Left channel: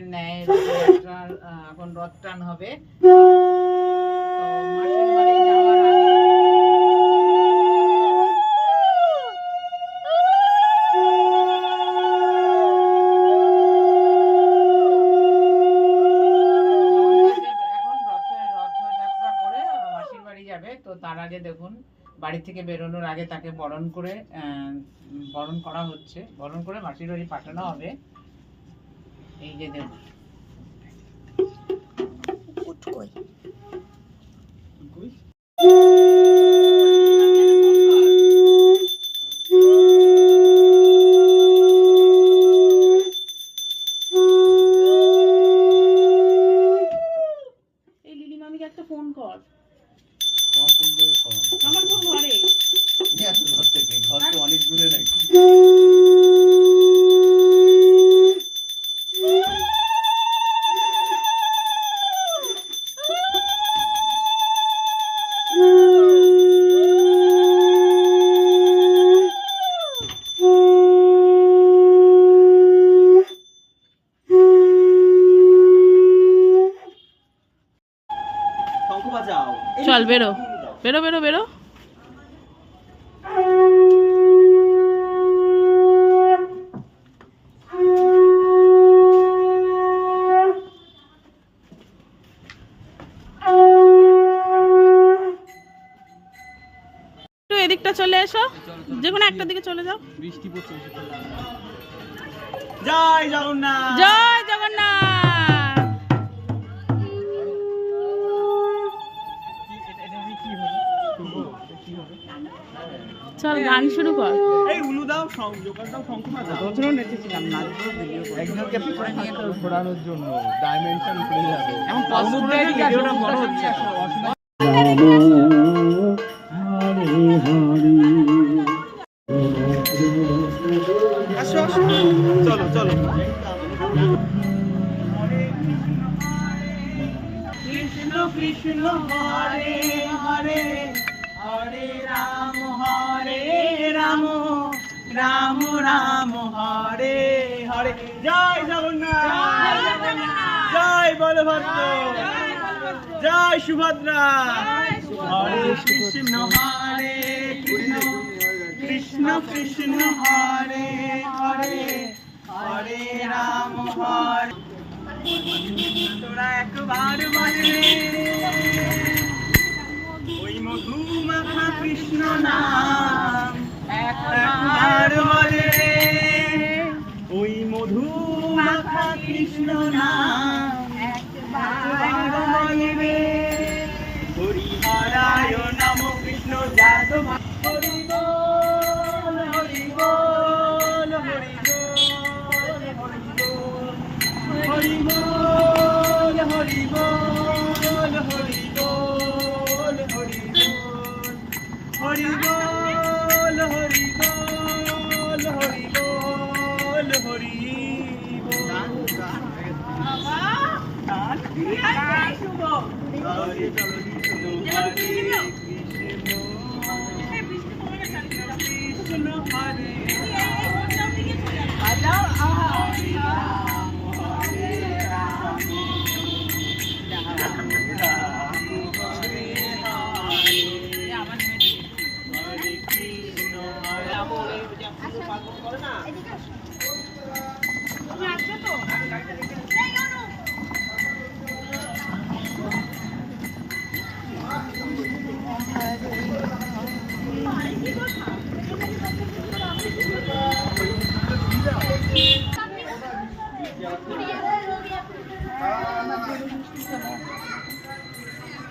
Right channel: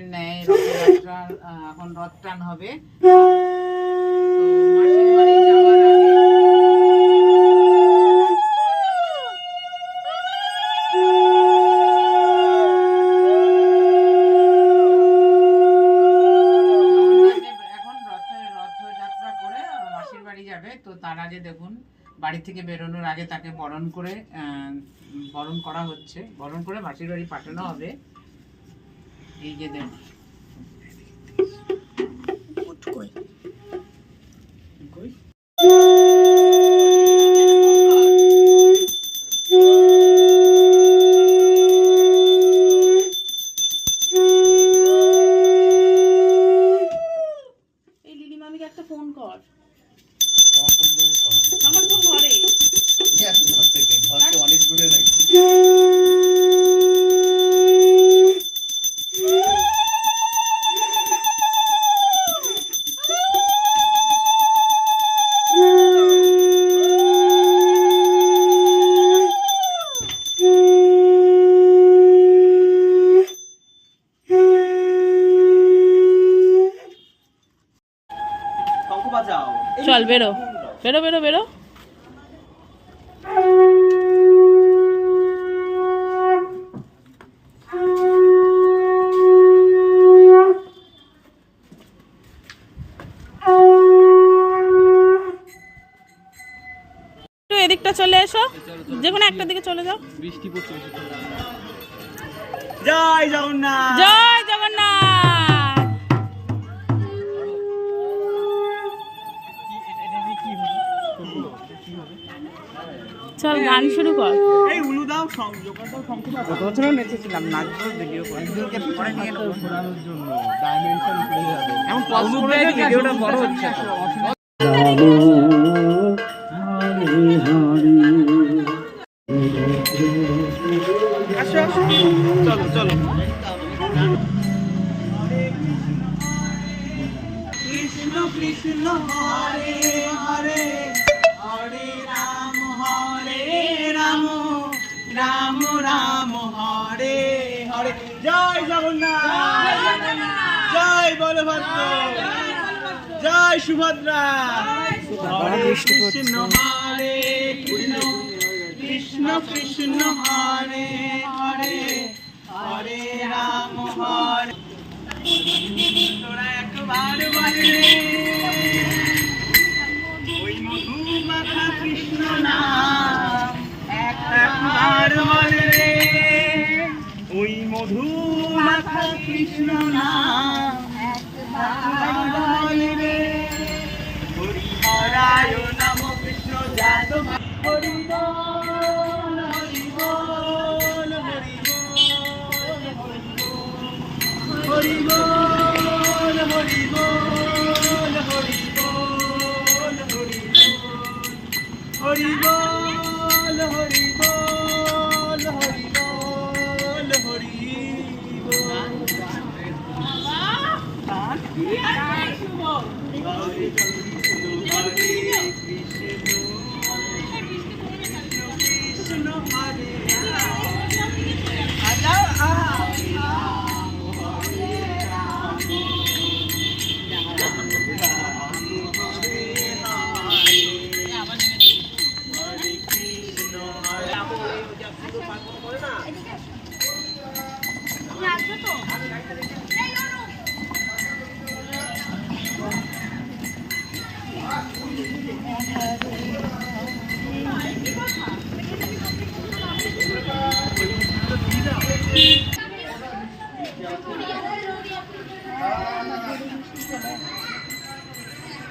বছরের ন্যায় রথযাত্রার এখন রথ টান হবে। তো মাসির বাড়ি যাওয়ার আগে তো তার আগে দেখুন বাড়ি থেকে বেরোনোর আগে তাকে বরণ করা হচ্ছে, বরণ করে মাসির বাড়ি পাঠানো হবে। এই যে দেখুন এই লিলি মামিকে একটা ফোন কর। আমার ফোন ঘরে ঘর থেকে অনেক দূরে নাকি। চল বেরো বেরো বেরো বেরো। এদিকটা চলে এসো, যে কোনো একটা দিকে চলে যাও। বৃষ্টি পড়ছে। জয় জগন্নাথ, জয় জগন্নাথ। চল গান শুরু কর। এই উলু দাও, জোকারটাও শঙ্খ বাজাও। বছরও নেচেছিলাম, নাচবো, ভিডিও করে একজনকে পরে নিয়ে নেবো ঘোরানোর জন্য ডাইমেনশন খুলে যাবে। এমন পজ করে ভিডিওটা বড় হচ্ছে। চলো চলো। কৃষ্ণ কৃষ্ণ হরে হরে, হরে রাম রাম রাম হরে হরে। জয় জগন্নাথ, জয় বলভদ্র, জয় সুভদ্রা। হরে কৃষ্ণ হরে কৃষ্ণ, কৃষ্ণ কৃষ্ণ হরে হরে, হরে রাম হরে। তোরা একবার বলে ওই মধু মাখা কৃষ্ণ নাম, একবার বলে ওই মধু মাখা কৃষ্ণ নাম, একবার বলে হরি হরায় নম কৃষ্ণ জাত। হরি বল হরি বল হরি বল হরি বল, হরি বল হরি বল হরি বল, হরি বল হরি বল হরি বল হরি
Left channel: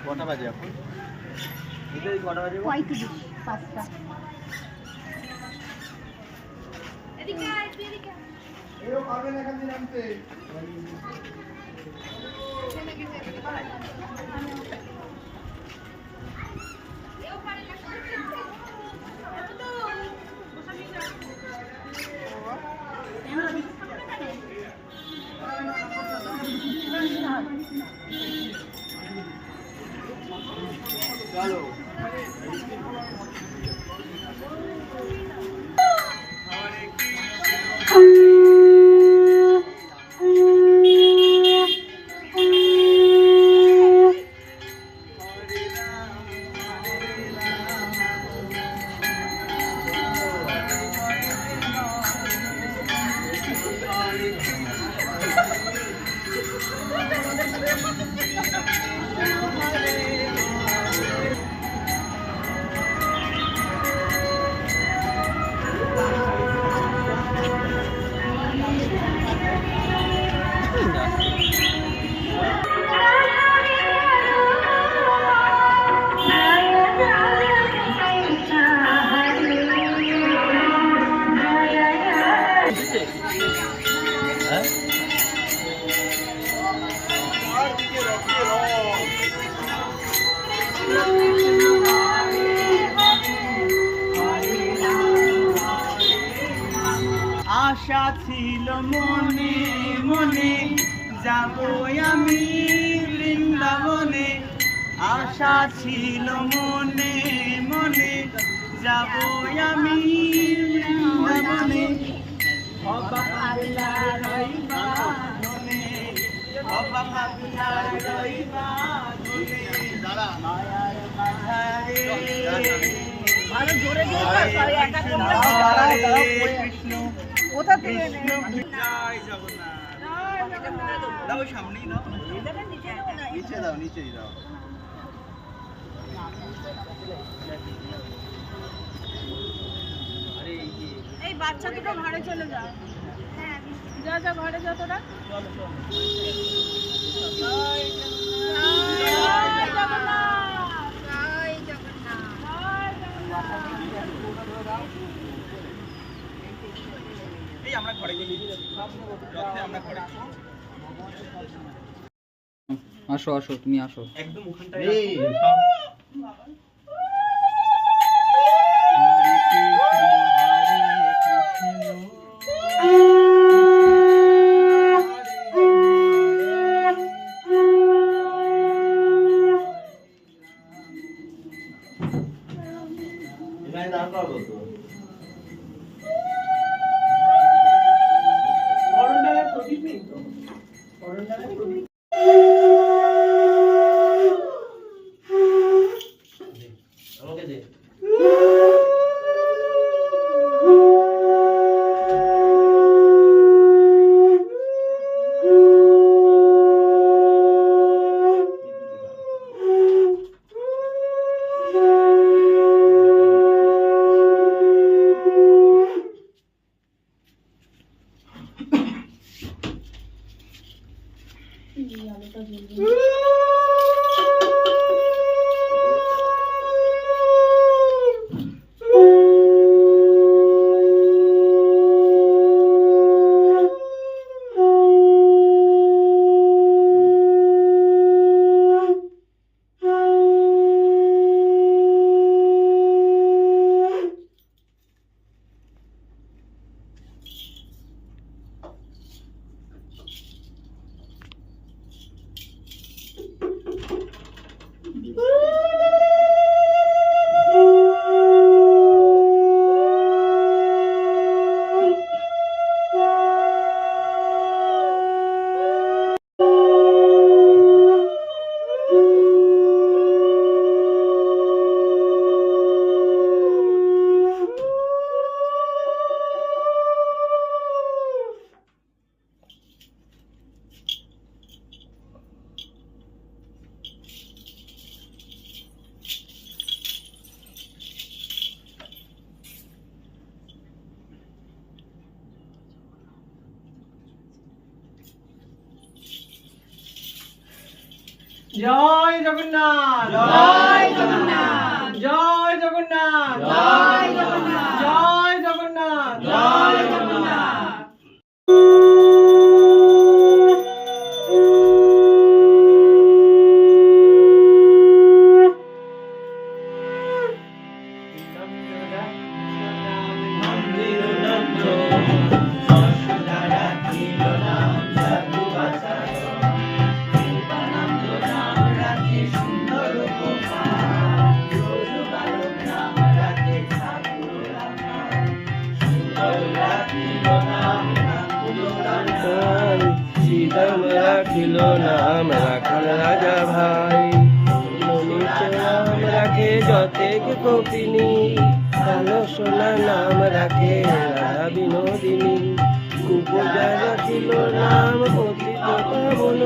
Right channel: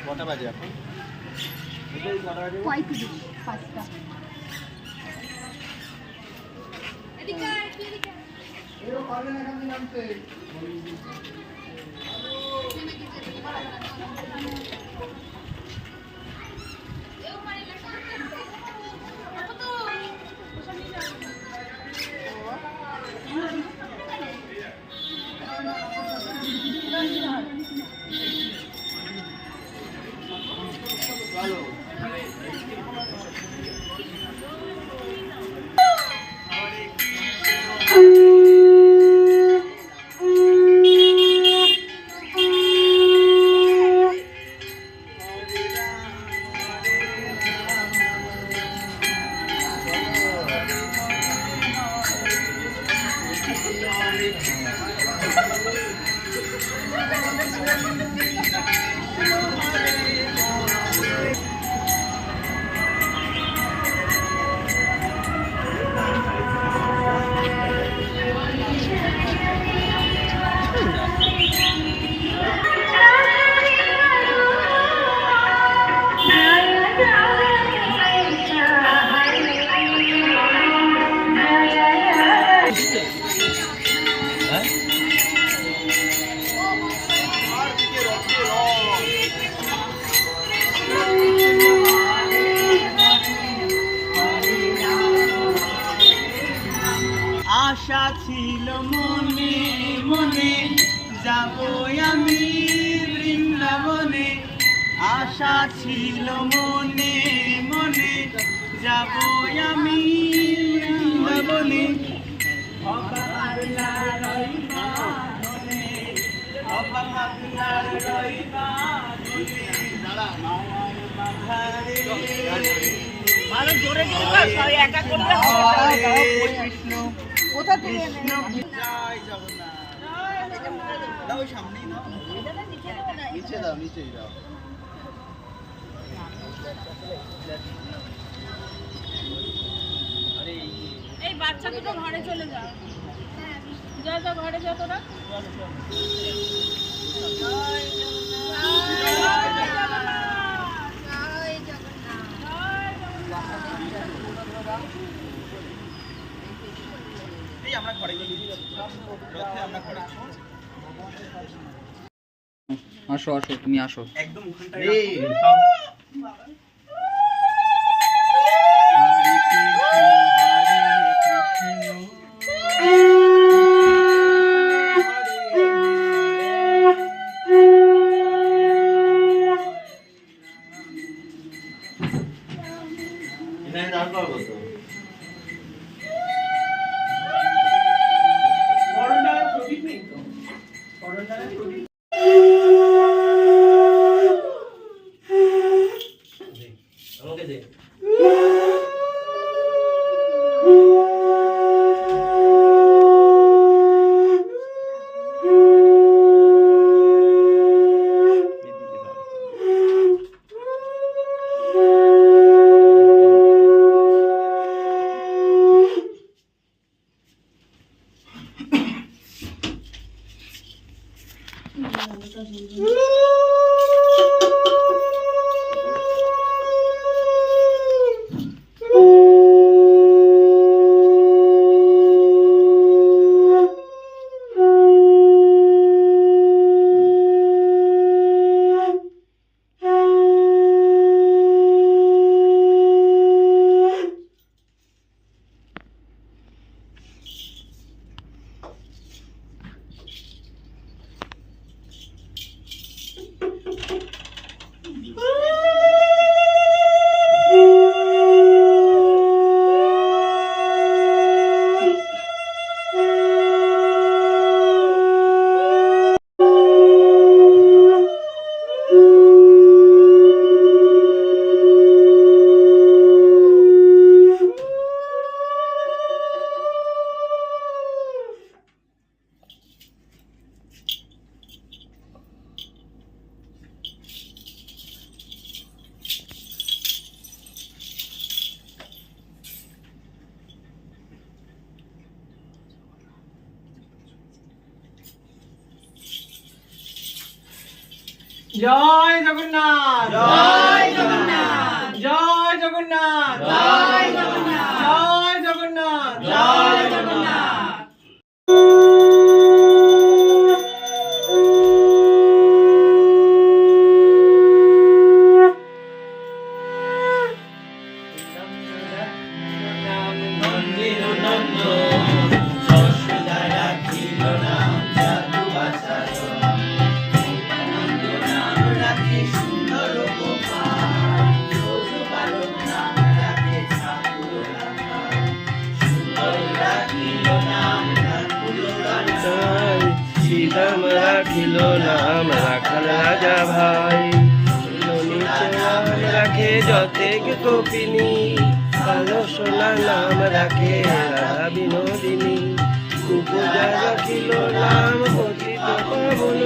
কটা বাজে এখন? কটা বাজে? 5টা। পারবেন এখান থেকে নামতে। চলো হরে কৃষ্ণ ছিল মনে মনে যাব আমি বৃন্দাবনে, আশা ছিল মনে মনে যাব আমি বৃন্দাবনে। অবা পাগলা রইবা মনে, অবা পাগলা রইবা মনে, মায়ার মাঝারে আরো জোরে জোরে কর, সবাই একা করবে না। কৃষ্ণ কোথা থেকে কৃষ্ণ জয় জগন্নাথ। দাও সামনেই দাও, নিচে দাও, নিচেই দাও। আরে এই বাচ্চা দুটো ঘরে চলে যা, যা যা ঘরে যা তোরা। এই আমরা ঘরে গিয়ে রথে আমরা ঘরে আসো আসো, তুমি আসো। একদম ওখানটায় জয় জগন্নাথ, জয় জগন্নাথ, জয় জগন্নাথ, জয় জগন্নাথ, জয় জগন্নাথ, জয় জগন্নাথ। শ্রীরাম রাখিল নাম রাখাল রাজা ভাই, রাম রাখে যতেক কপিনী, কালো সোনা নাম রাখে রাধা বিনোদিনী, কুপজা রাখিল নাম পতিত পাবন,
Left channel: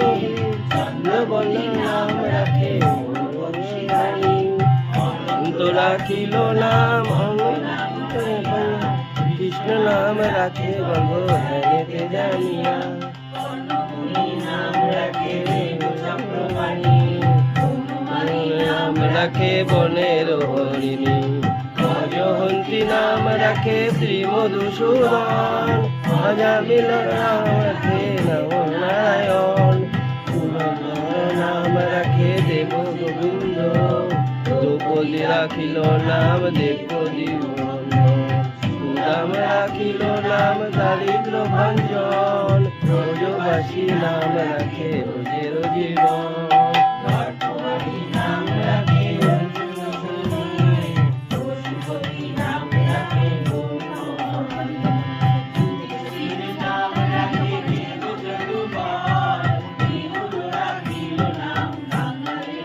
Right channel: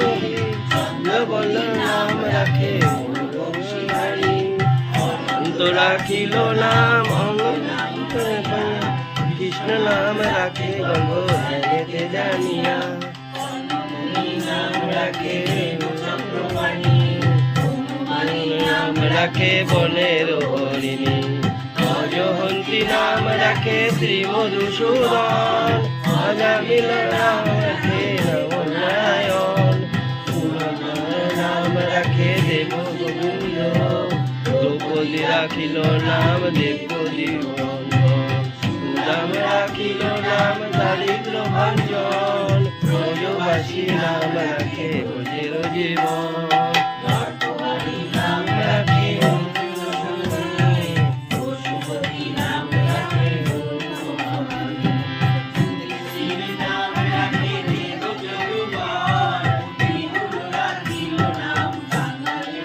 বল নাম রাখে অন্ত রাখিল নাম কৃষ্ণ নাম রাখে গর্ভ ধ্যানেতে জানিয়া, নাম রাখে নাম রাখে বনের হরিণী, অজহন্তী নাম রাখে শ্রী মধুসূদন, অজামিল নাম রাখে নবনারায়ণ, নাম রাখে দেব গোবিন্দ, দ্রৌপদী রাখিল নাম দেবদী নাম রাখিল নাম দারিদ্র ভঞ্জন ব্রজবাসী নাম রাখে রোজের জীবন নাম রাখে পশুপতি নাম রাখে নাম রাখে দেব জগবান বিহুর রাখিল নাম বাঙালি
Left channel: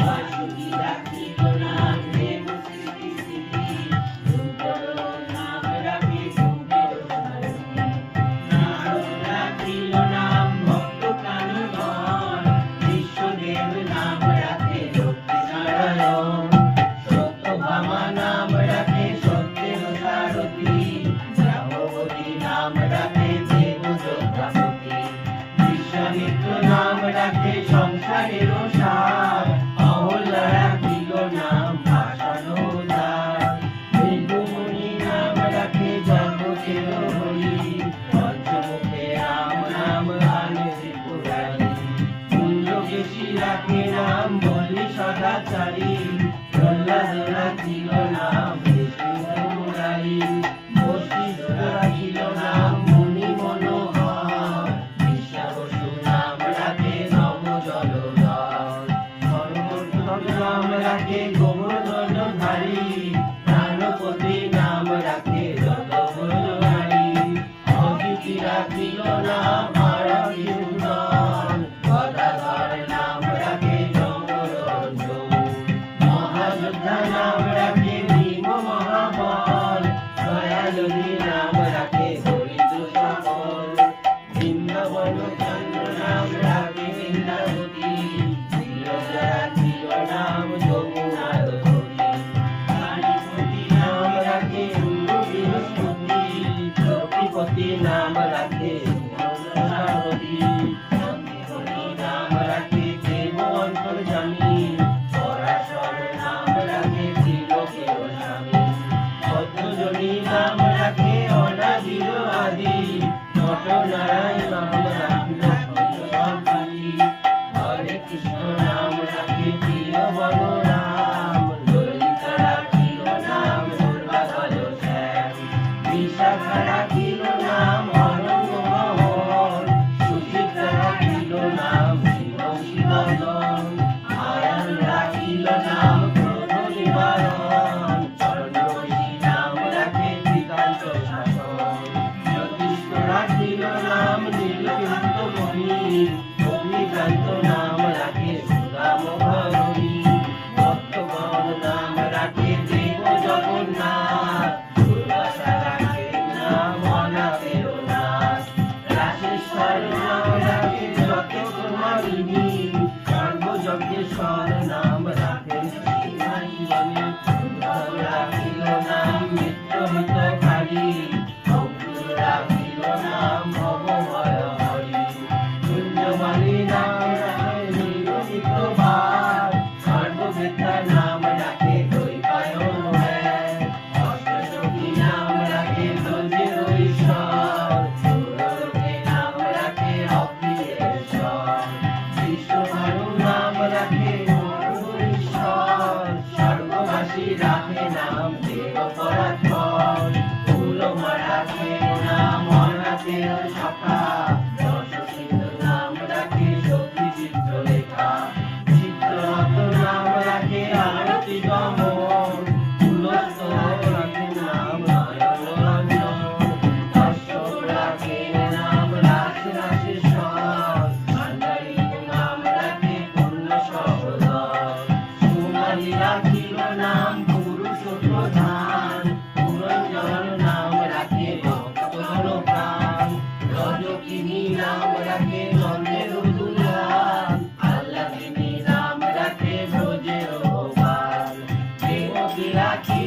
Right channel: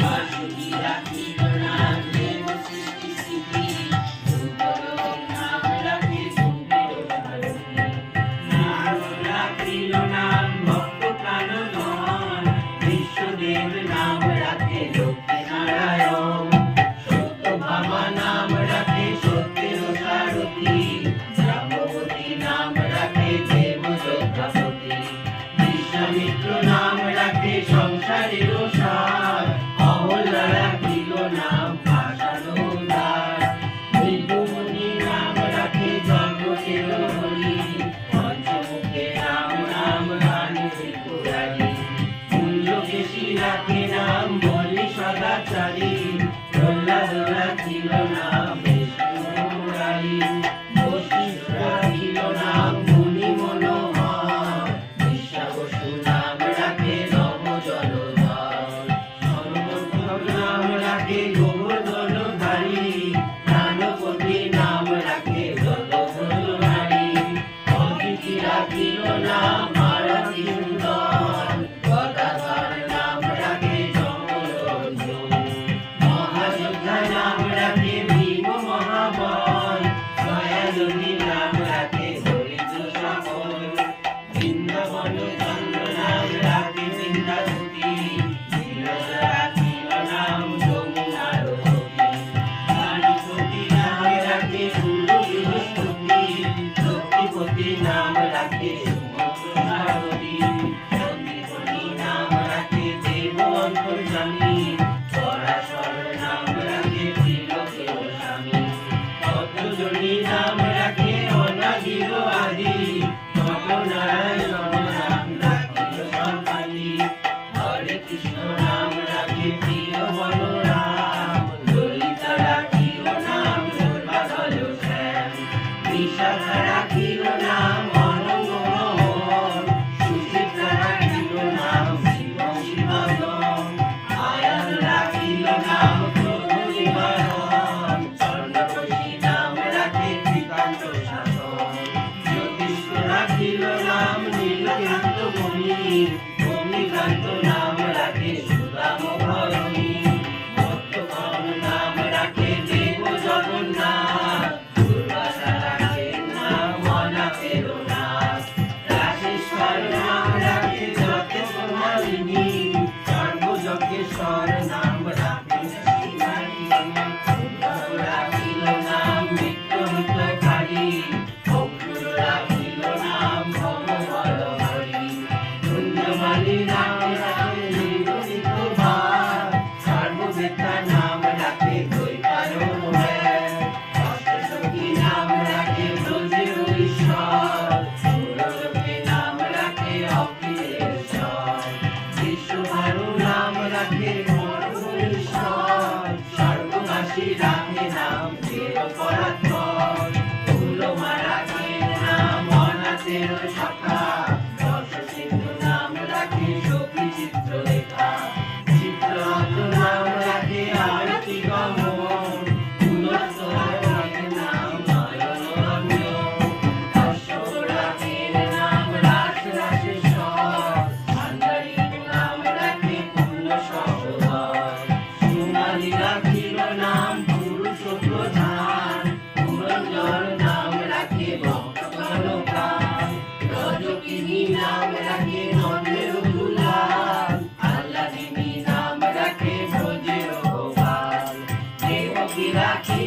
বাসুকি রাখিল নাম দেব সৃষ্টি স্থিতি নাম রাখে নাম রাখিল নাম ভক্ত প্রাণধন বিশ্বদেব নাম রাখে লক্ষ্মী নারায়ণ সত্যভামা নাম রাখে সত্যের সারথি জাম্ববতী নাম রাখে দেব যোদ্ধাপতি বিশ্বামিত্র নাম রাখে সংসারের সার অহল্যা রাখিল নাম ভাষানুদার বিন্দুমণি নাম রাখে জগতের হরি পঞ্চমুখে রাম নাম গানে পুরারি কুঞ্জকেশী রাখে নাম বলি সদাচারী প্রহ্লাদ রাখিল নাম বিষ্ণু মুরারি বশিষ্ঠ রাখিল নাম মুনি মনোহর বিশ্বাবসু নাম রাখে নব জলধর হনুমন্ত নাম রাখে গোবর্ধনধারী প্রাণপতি নাম রাখে জলধরধারী অদিতি রাখিল নাম আরতি সুন্দর গদাধর নাম রাখে জমরঞ্জন মহাযোদ্ধা নাম রাখে ভীম মহাবল দয়ালুবী নাম রাখে দরিদ্র সকল বৃন্দাবন চন্দ্র নাম রাখে বৃন্দাবতী বিরজা রাখিল নাম যমুনার কবি কালীপতি নাম রাখে গুরু বৃহস্পতি লক্ষ্মীপতি নাম রাখে সুমন্ত্রী চন্দ্রমণি নাম রাখে দেব অন্তর্যামী পরাশর নাম রাখে ত্রিলোকের স্বামী পদ্মজনী নাম রাখে অনাদির আদি নটনারায়ণ নাম রাখিল সম্পালি হরে কৃষ্ণ নাম রাখে প্রিয় বলরাম ললিতা রাখিল নাম দুর্বাধর শ্যাম বিশাখা রাখিল নাম অনঙ্গ মোহন সুচিত্রা রাখিল নাম শিব শিবদম আয়ান রাখিল নাম ক্রোধ নিবারণ স্বর্ণবশী নাম রাখে শ্রীকান্ত শাসন জ্যোতিষ্ক রাখিল নাম নীলকান্ত মণি ভূমিকান্ত নাম রাখে সুদাম ভরণী ভক্তগণ নাম রাখে দেব জগন্নাথ দুর্বাসা রাখে নাম অনাথের নাথ রাশেশ্বর নাম রাখে জগতে কুমারিণী সর্বযজ্ঞেশ্বর নাম রাখে শিবানী রাখিল নাম নিত্যহিতকারী অক্রুর রাখিল নাম ভববলহরি পুণ্যমালী নাম রাখে নির্মিত ভার সর্ববেতা নাম রাখে দৈবায়ন অষ্টসখী নাম রাখে ব্রজের ঈশ্বর সুরলোকে নাম রাখে অখিলেশ্বর বিশ্বভানু নাম রাখে মনোহরেশ্বর স্বর্গবাসী রাখে নাম দেবপরাৎপর ফুলমা রাখে নাম অনাথের শাখা রসসিন্ধু নাম রাখে সখী চিত্রলেখা চিত্ররথ নাম রাখে আরতি গমন পুলস্ত রাখে নাম নয়নরঞ্জন অশ্বর রাখে নাম রাস রাসেশ্বর আন্দারিক নাম রাখে পূর্ণ সহোদর সুমালি রাখিল নাম পুরুষ প্রধান পুরঞ্জন নাম রাখে ভক্তপ্রাণ রজকিনী নাম রাখে নন্দের দুলাল আল্লাদিনী নাম রাখে ব্রজের গোপাল দেবকী রাখি